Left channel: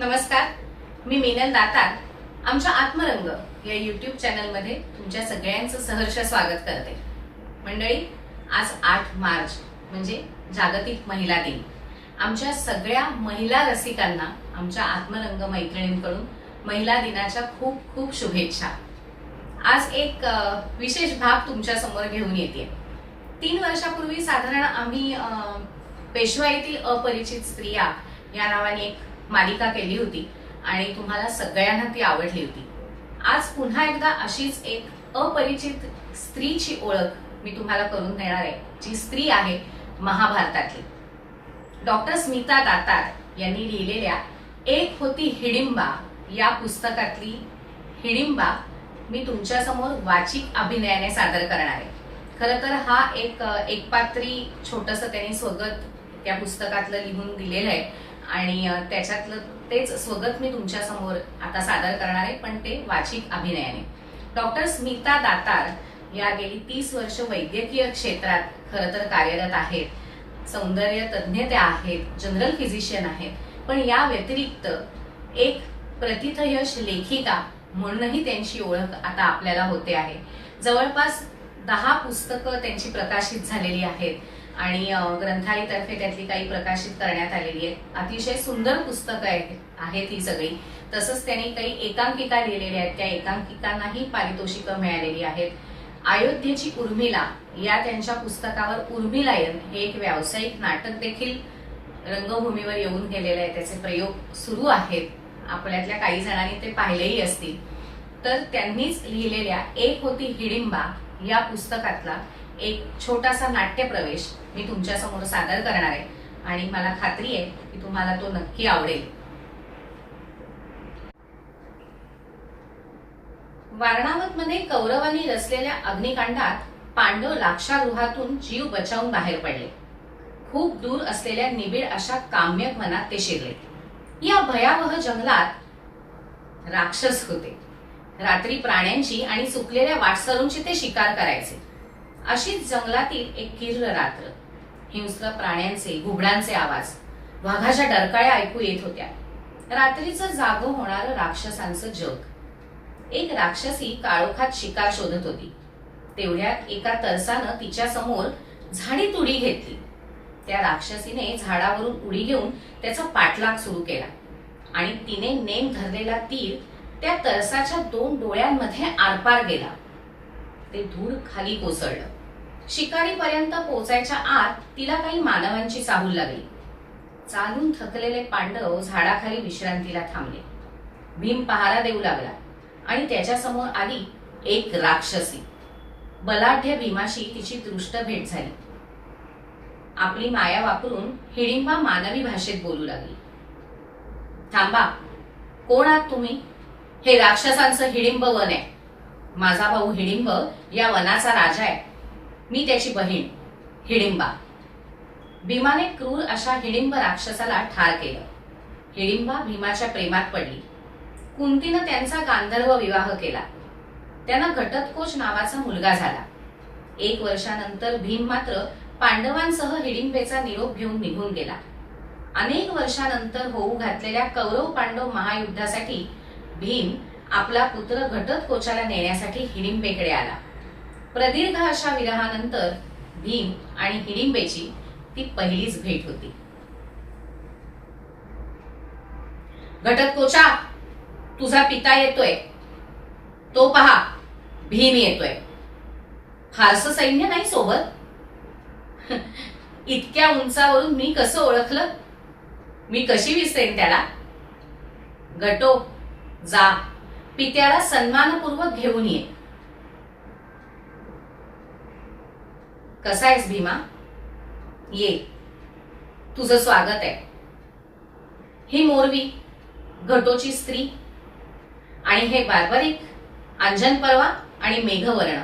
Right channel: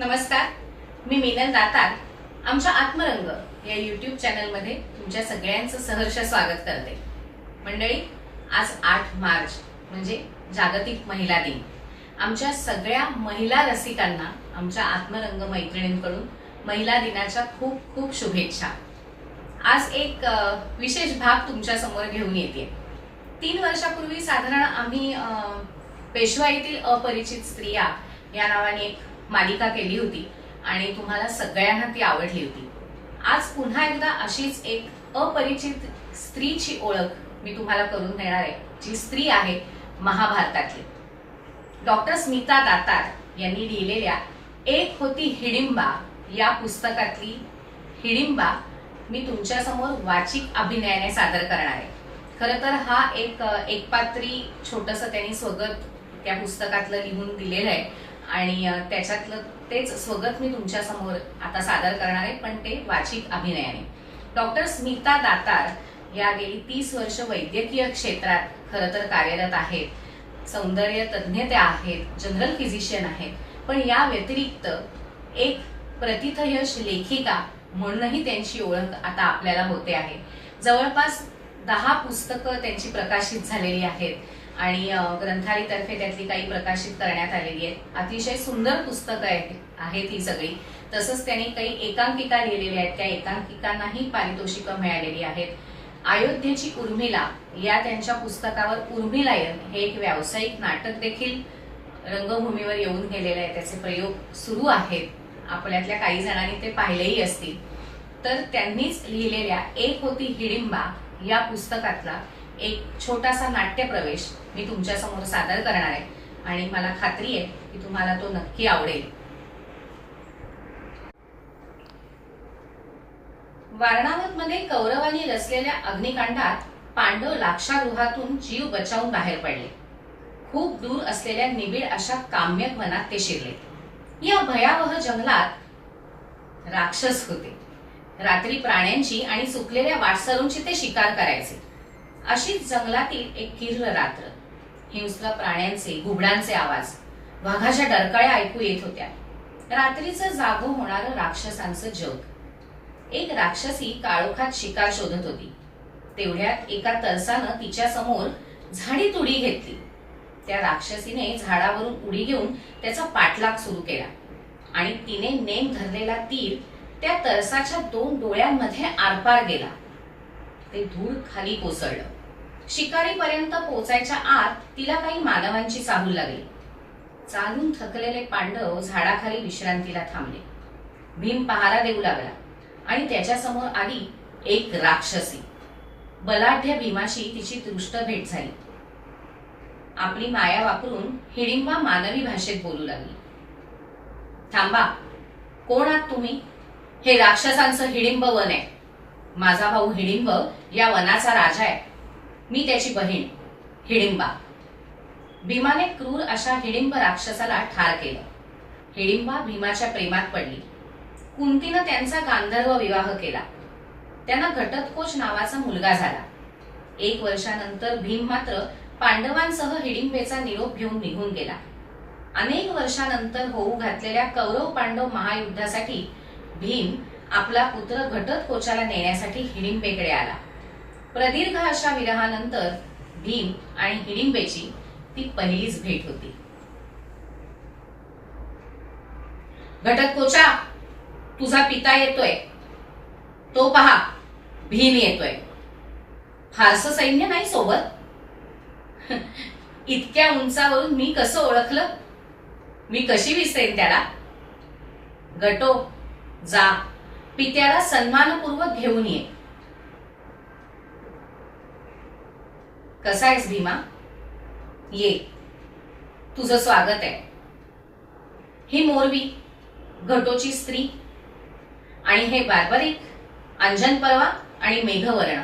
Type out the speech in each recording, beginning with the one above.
नमस्कार, मी मीनल दातार आमच्या आत्मरंग या YouTube चॅनलमध्ये तुमच्या सगळ्यांचं सहर्ष स्वागत करते। मंडळी, आज 8 मार्च म्हणजे जागतिक महिला दिन। आमच्या सगळ्या महिला रसिकांना आमच्या आत्मरंग मैत्रिणींकडून महिला दिनाच्या खूप खूप शुभेच्छा। आज एक विशेष भाग तुमच्या समोर घेऊन येते। 3 वर्षापूर्वी साधारण आम्ही पेशवाईतील अपरिचित स्त्रिया या नावाने एक मालिका केली होती आणि तुम्हाला सगळ्यांना ती आवडली होती। आज पुन्हा एकदा अशीच एक अपरिचित स्त्रीची ओळख मी तुम्हाला करून देणार आहे, जी स्त्री आहे महाभारतातली। डॉक्टर स्मिता दातार यांनी लिहिलेल्या एक होती हिडिंबा या पुस्तकातली हिडिंबा मी तुमच्या समोर वाचिक अभिनयाने सादर करणार आहे। खरं तर हा एक पात्री छोटंसं त्यांनी स्वगत त्या पुस्तकातलं लिहून दिलेलं आहे आणि त्याच्यातलं तेच स्वगत मी तुमच्या समोर आता सादर करणार आहे, पण ते वाचिक अभिनयाने। डॉक्टर स्मिता दातार या गेली 30 वर्ष वैद्यकीय क्षेत्रात खरं तर कार्यरत आहेत। सौंदर्य तज्ञ त्या आहेत, जनरल फिजिशियन आहेत, पण या व्यतिरिक्त एक प्रतिथयश लेखिका म्हणूनही त्यांची ओळख आता आपल्याला होते आहे। जवळपास 10 पुस्तकं त्यांची प्रकाशित झालेली आहेत आणि ग्रंथालयातर्फे त्यातली काही प्रकाशित करण्यात आलेली आहेत। अतिशय सुंदर पुस्तकं आहेत ही सगळी। तसंच त्यांनी काही एकांकिका लिहिलेल्या आहेत, त्या एकांकिकांनाही पारितोषिकं मिळालेली आहेत। अयोध्येची उर्मिला या त्यांच्या पुस्तकावर उर्मिलायन हे एक व्यावसायिक नाटक देखील रंगभूमीवर येऊन गेलेलं आहे, त्याचे प्रयोग सुरू आहेत। आपल्यातल्या काही जणांनी ते पाहिलेही असतील। तर त्यांनीच लिहिलेल्या एक होती हिडिंबा या पुस्तकातला एक छोटासा नाट्यप्रवेश मी तुमच्या समोर सादर करणार आहे आणि मला खात्री आहे की तुम्हाला तो नक्की आवडेल। वारणावतमध्ये कौरवांनी रचलेल्या अग्निकांडात पांडव लाक्षागृहातून जीव बचावून बाहेर पडले। खूप दूर असलेल्या निबिड अशा काम्यक वनात ते शिरले। या भयावह जंगलात राक्षस होते। रात्री प्राण्यांची आणि सुकलेल्या वाटसरूंची ते शिकार करायचे। अशीच जंगलातील एक किर्र रात्र। हिंस्र प्राण्यांचे घुबडांचे आवाज, वाघाच्या डरकाळ्या ऐकू येत होत्या। रात्रीचं जागं होणारं राक्षसांचं जग। एक राक्षसी काळोखात शिकार शोधत होती। तेवढ्यात एका तरसानं तिच्या समोर झाडीत उडी घेतली। त्या राक्षसीने झाडावरून उडी घेऊन त्याचा पाठलाग सुरू केला आणि तिने नेम धरलेला तीर त्या तरसाच्या 2 डोळ्यांमध्ये आरपार गेला। ते धूळ खाली कोसळलं। शिकारीपर्यंत पोचायच्या आत तिला काही मानवांची चाहूल लागली। चालून थकलेले पांडव झाडाखाली विश्रांतीला थांबले। भीम पहारा देऊ लागला आणि त्याच्या समोर आली एक राक्षसी। बलाढ्य भीमाशी तिची दृष्ट भेट झाली। आपली माया वापरून हिडिंबा मानवी भाषेत बोलू लागली। थांबा, कोण आहात तुम्ही? हे राक्षसांचं हिडिंब वन आहे। माझा भाऊ हिडिंब या वनाचा राजा आहे। मी त्याची बहीण हिडिंबा। भीमाने क्रूर अशा हिडिंब राक्षसाला ठार केलं। हिडिंबा भीमाच्या प्रेमात पडली। कुंतीनं त्यांचा गांधर्व विवाह केला। त्यांना घटोत्कोच नावाचा मुलगा झाला। 1 वर्षानंतर भीम मात्र पांडवांसह हिडिंबेचा निरोप घेऊन निघून गेला। अनेक वर्षानंतर होऊ घातलेल्या कौरव पांडव महायुद्धासाठी भीम आपला पुत्र घटोत्कोचाला नेण्यासाठी हिडिंबेकडे आला। प्रदीर्घ अशा विरहानंतर भीम आणि हिडिंबेची ती पहिलीच भेट होती। घटोत्कोचा, तुझा पिता येतोय। तो पहा, भीम येतोय। फारसं सैन्य नाही सोबत। इतक्या उंचावरून मी कसं ओळखलं? मी कशी विसरेन त्याला? गटो, जा, पित्याला सन्मानपूर्वक घेऊन ये। कसा आहेस भीमा? ये, तुझं स्वागत आहे। ही मोरवी, घटोची स्त्री, आणि हे बार्बरिक, अंजन पर्वा आणि मेघवर्ण,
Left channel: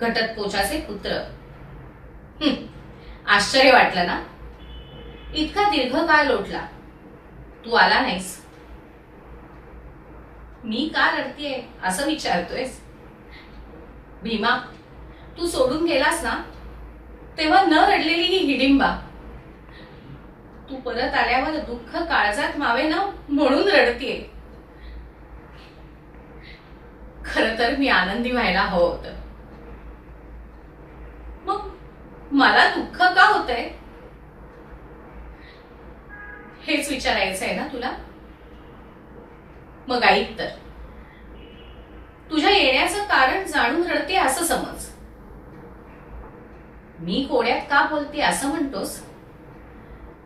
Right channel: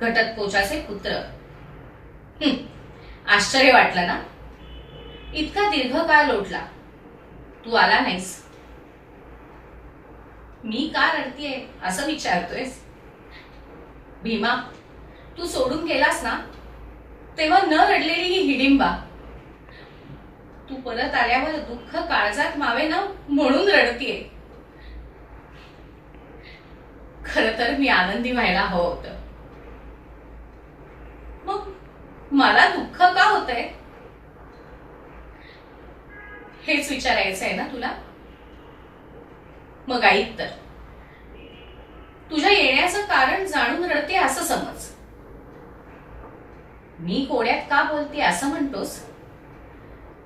घटोत्कोचाचे पुत्र। आश्चर्य वाटलं ना? इतका दीर्घ काळ लोटला, तू आला नाहीस। मी का रडतीये असं विचारतोयस? भीमा, तू सोडून गेलास ना, तेव्हा न रडलेली ही हिडिंबा तू परत आल्यावर दुःख काळजात मावे ना म्हणून रडतीये. खर तर मी आनंदी व्हायला हवं होतं. मग मला दुःख का होतंय हेच विचारायचं आहे ना तुला? मग ऐक तर, तुझ्या येण्याचं कारण जाणून रडते असं समज. मी कोड्यात का बोलते असं म्हणतोस?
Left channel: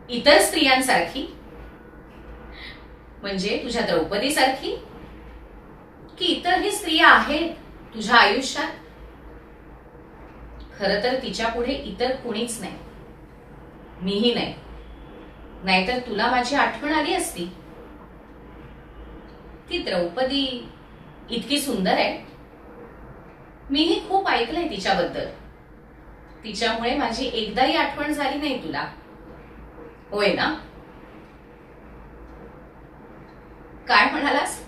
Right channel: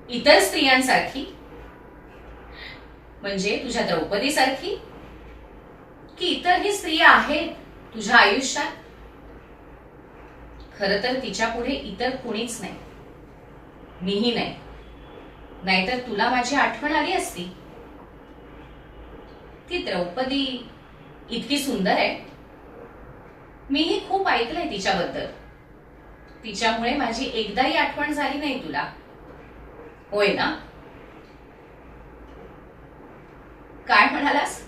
इतर स्त्रियांसारखी म्हणजे तुझ्या द्रौपदी सारखी, की इतरही स्त्रिया आहेत तुझ्या आयुष्यात? खर तर तिच्या पुढे इतर कोणीच नाही, मीही नाही. नाहीतर तुला माझी आठवण आली असती. ती द्रौपदी इतकी सुंदर आहे. मीही खूप ऐकलंय तिच्याबद्दल. तिच्यामुळे माझी एकदाही आठवण झाली नाही तुला, होय ना? काय म्हणालास?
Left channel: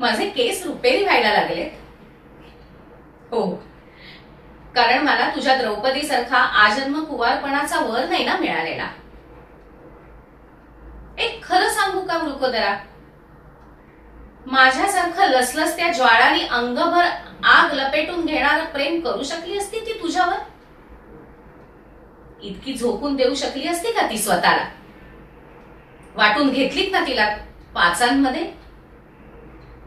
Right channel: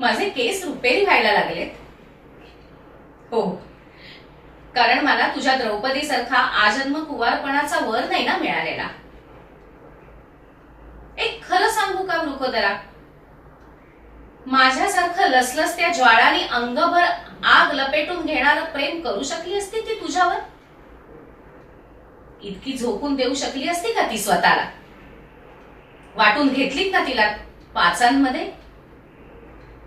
माझे केस रुपेरी व्हायला लागलेत? हो, कारण मला तुझ्या द्रौपदी सारखा आजन्म कुवारपणाचा वर नाही ना मिळालेला. एक खरं सांगू का वृकोदरा, माझ्यासारखं लसलसत्या ज्वाळानी अंगभर आग लपेटून घेणारं प्रेम करू शकली असती ती तुझ्यावर? इतकी झोकून देऊ शकली असती का ती स्वतःला? वाटून घेतलीत ना तिला पाचांमध्ये?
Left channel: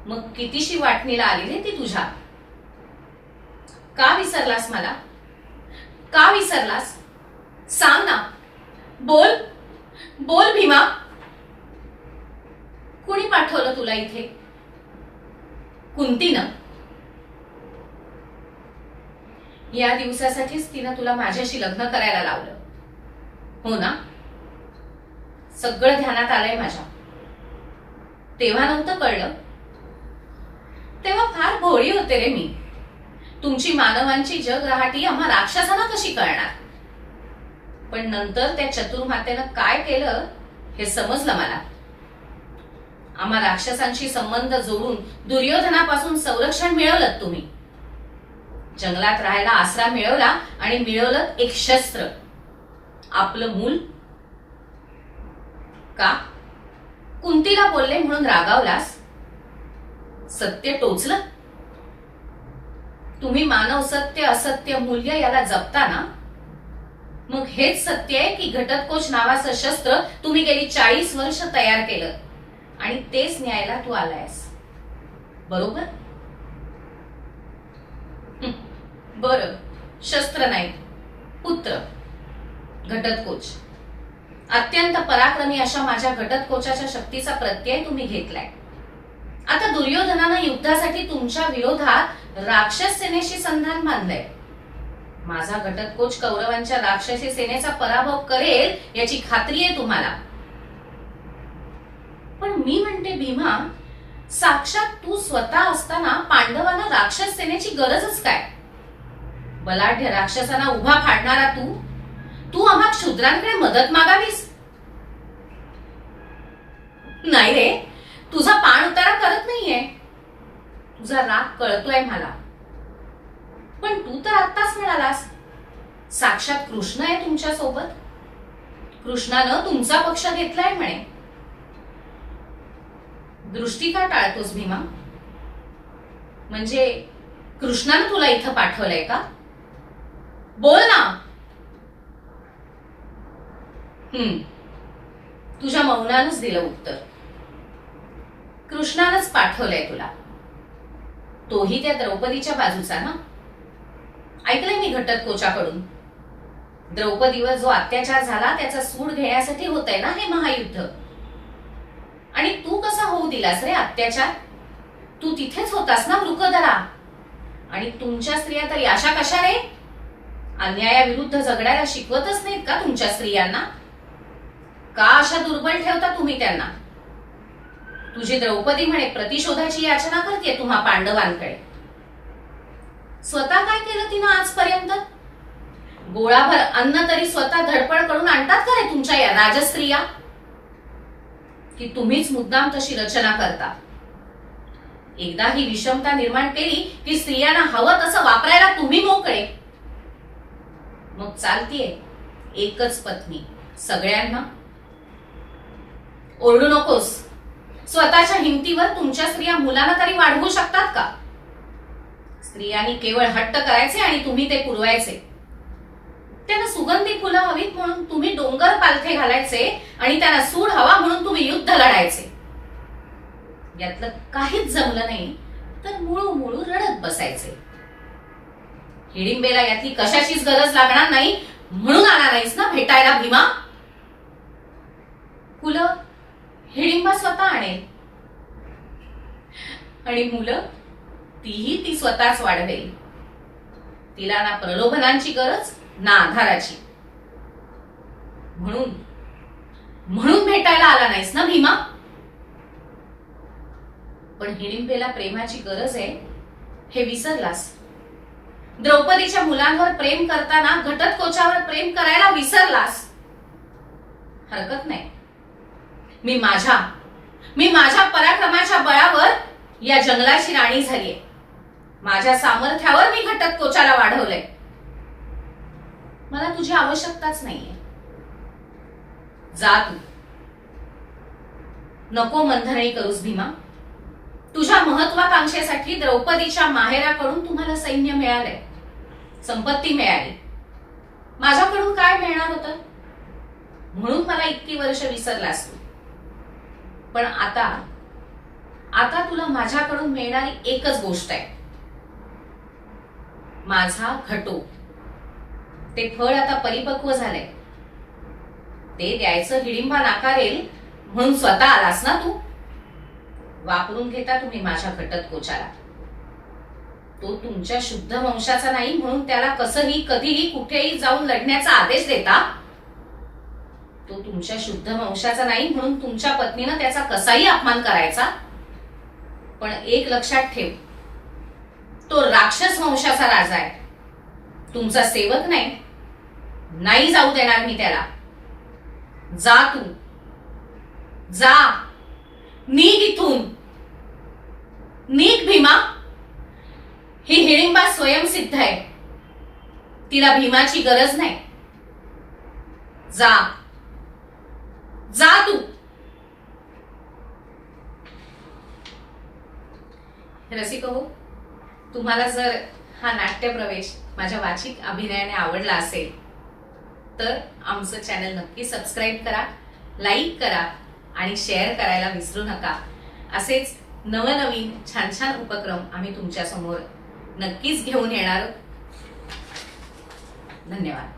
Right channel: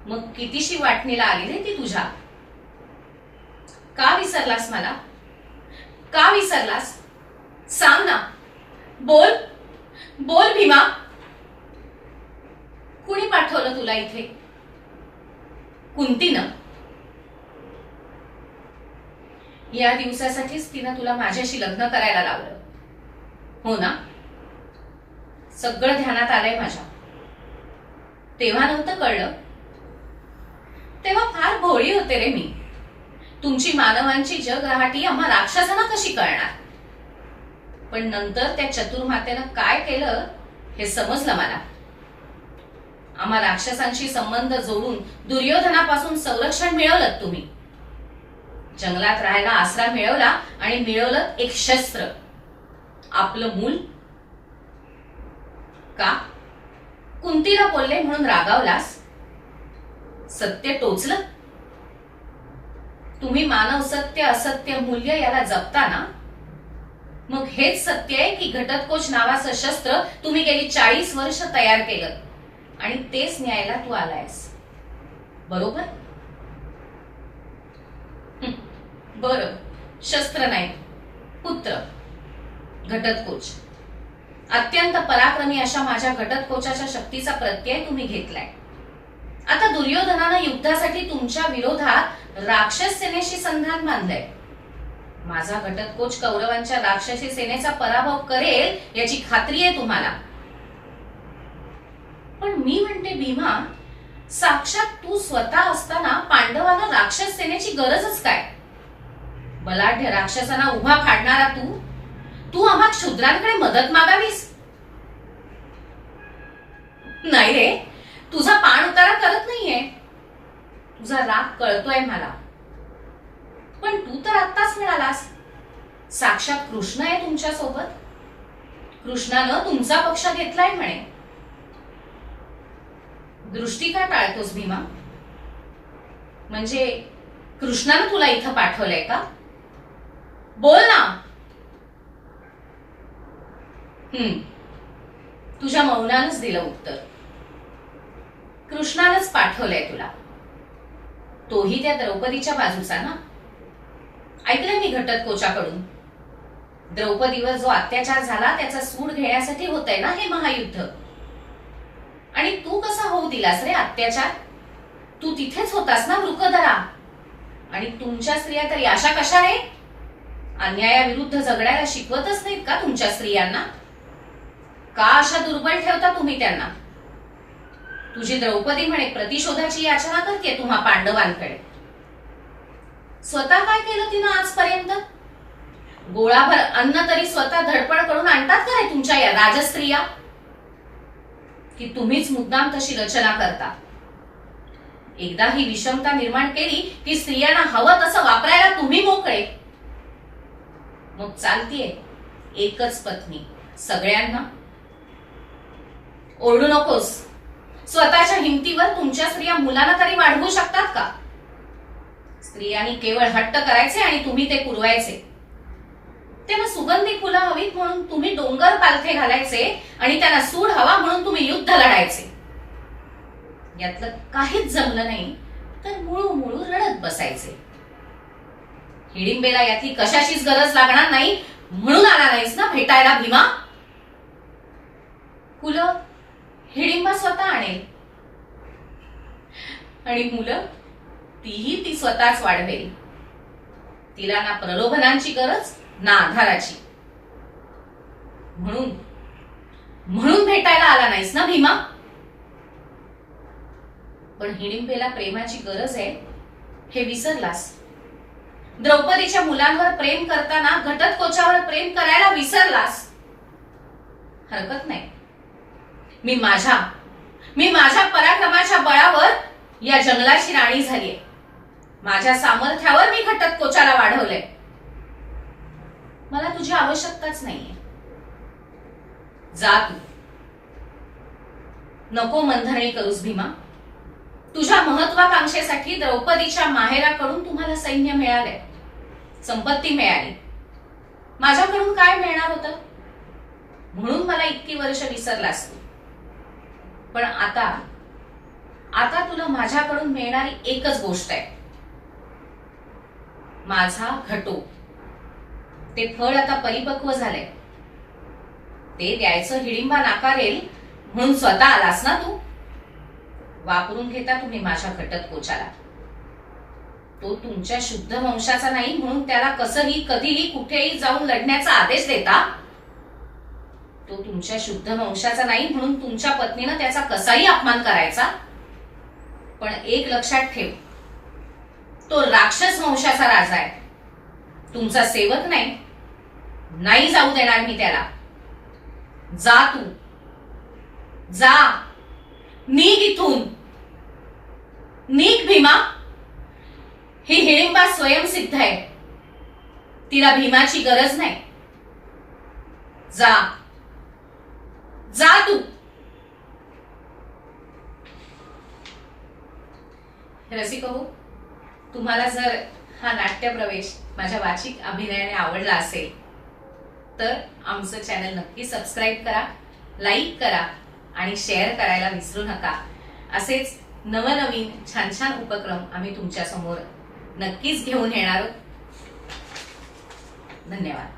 मग कितीशी वाटणीला आली रे ती तुझ्या? का विसरलास मला? का विसरलास? सांग ना, बोल बोल भीमा. कुणी पाठवलं तुला इथे? कुंतीनं? या दिवसासाठीच तिनं तुला माझ्याशी लग्न करायला लावलं, हो ना? सगळं ध्यानात आलंय माझ्या. तेव्हा नव्हतं कळलं. तेव्हा फार भोळी होते रे मी. तुमची मानवांची जगरहाटी आम्हा राक्षसांना कशी कळणार? पण नंतर त्या चतुर्मातेनं काय केलं हे समजलं मला. आम्हा राक्षसांशी संबंध जोडून दुर्योधनापासून संरक्षण मिळवलं तुम्ही. जंगलात राहायला आसरा मिळवला आणि मिळवलं एक शस्त्र, आपलं मूल. का? कुंतीला बोलले म्हणून रागावलास? सत्य टोचलं? तुम्ही मानव सत्य असत्य मूल्य याला जपता ना? मग हेच सत्य आहे की घटोत्कच नावाचं शस्त्र तुम्ही गेली 40 वर्ष तयार केलं आणि तेच न्यायला तू आलायस, बरोबर? बरं, शस्त्र नाही, पुत्र घटोत्कच. अत्यंत पराक्रमी अशा माझ्या घटोत्कचाच्या शक्तीचा प्रत्यय तुम्ही घेतलाय. आता दुर्योधनानं युद्धासाठी तुमच्या विरोधात राक्षस सेनेशी संधान बांधलंय. माझा घटोत्कच कौरवांच्या राक्षसी सेनेचा पराभव करेल याची खात्री आहे तुम्हाला. पण मी म्हणते भीमा, साक्षात तू स्वतः असताना पांडवांना राक्षस सेनेची गरजच काय? बलाढ्य राक्षसांना उभा फाडणारा तू आम्हा क्षुद्रांकडे मदत मागावीस? नाही रे, तुझा पाण उतारा करत नाहीये. तुझा राग कळतोय मला. पण तू तर आत्ताच म्हणालास साक्षात कृष्ण आहे तुमच्या सोबत. कृष्णानं तुमचा पक्ष घेतलाय म्हणे. दृष्टी का टाळतोस भीमा? म्हणजे कृष्णानं तुला इथं पाठवलंय का? बोल ना. तुझ्या मौनानच दिलं उत्तर. कृष्णानंच पाठवलंय तुला. तोही त्या द्रौपदीच्या बाजूचा ना? ऐकलंय मी घटोत्कचाकडून. द्रौपदीवर जो अत्याचार झाला त्याचा सूड घेण्यासाठी होतंय ना हे महायुद्ध. आणि तू कसा होऊ दिलास रे अत्याचार? तू तिथेच होतास ना वृकोदरा. आणि तुमच्या स्त्रिया तरी अशा कशा रे? अन्यायाविरुद्ध झगडायला शिकवतच नाहीत का तुमच्या स्त्रियांना? का अशा दुर्बल ठेवता तुम्ही त्यांना? तुझी द्रौपदी म्हणे प्रतिशोधाची याचना करते तुम्हा पांडवांकडे. स्वतः काय केलं तिनं आजपर्यंत? गोळाभर अन्न तरी स्वतः धडपड करून आणतात का रे तुमच्या या राजस्त्रिया? की तुम्हीच मुद्दाम तशी रचना करता? एकदा ही विषमता निर्माण केली की स्त्रियांना हवं तसं वापरायला तुम्ही मोकळे. मग चालतीये एकच पत्नी सगळ्यांना? ओरडू नकोस. स्वतःच्या हिमतीवर तुमच्या स्त्रिया मुलांना तरी वाढवू शकतात का? स्त्रियांनी केवळ हट्ट करायचे आणि तुम्ही ते पुरवायचे. त्यांना सुगंधी फुलं हवीत म्हणून तुम्ही डोंगर पालथे घालायचे आणि त्यांना सूड हवा म्हणून तुम्ही युद्ध लढायचे. यातलं काहीच जमलं नाही तर मुळू रडत बसायचे. हिडिंबेला यातली कशाचीच गरज लागणार नाही म्हणून आला नाहीस ना भेटायला भीमा? फुलं हिडिंबा स्वतः आणेल आणि मुलं तीही ती स्वतःच वाढवेल. तिला ना प्रलोभनांची गरज ना आधाराची. म्हणून भेटायला आला नाहीस ना भीमा? पण हिडिंबेला प्रेमाची गरज आहे हे विसरलास. द्रौपदीच्या मुलांवर प्रेम करताना घटोत्कचावर प्रेम करायला विसरलास. हरकत नाही. मी माझ्या पराक्रमाच्या बळावर या जंगलाची राणी झालीये. माझ्या सामर्थ्यावर मी घटोत्कचाला वाढवलंय. मला तुझी आवश्यकताच नाहीये. जा तू. नको मंथनी करूस भीमा. तुझ्या महत्वाकांक्षेसाठी द्रौपदीच्या माहेराकडून तुम्हाला सैन्य मिळालंय, संपत्ती मिळाली. माझ्याकडून काय मिळणार होतं म्हणून मला इतकी वर्ष विसरलास तू. पण आता तुला माझ्याकडून मिळणारी एकच गोष्ट आहे, माझा घटो. ते फळ आता परिपक्व झालंय. ते द्यायचं हिडिंबा नाकारेल म्हणून स्वतः आलास ना तू. वापरून घेता तुम्ही माझ्या घटोत्कचाला. तो तुमच्या शुद्ध वंशाचा नाही म्हणून त्याला कसंही कधीही कुठेही जाऊन लढण्याचा आदेश देता. तो तुमच्या शुद्ध वंशाचा नाही म्हणून तुमच्या पत्नीनं त्याचा कसाही अपमान करायचा. पण एक लक्षात ठेव, तो राक्षस वंशाचा राजा आहे, तुमचा सेवक नाही. नाही जाऊ देणार मी त्याला. जा तू, जा. निघ इथून. निघ भीमा. ही हिडिंबा स्वयंसिद्ध आहे. तिला भीमाची गरज नाही. जा, जा तू. रसिक हो, तुम्हाला जर हा नाट्य प्रवेश माझ्या वाचिक अभिनयाने आवडला असेल तर आमचं चॅनल नक्की सबस्क्राईब करा, लाईक करा आणि शेअर करायला विसरू नका. असेच नवनवीन छान छान उपक्रम आम्ही तुमच्या समोर नक्कीच घेऊन येणार. धन्यवाद.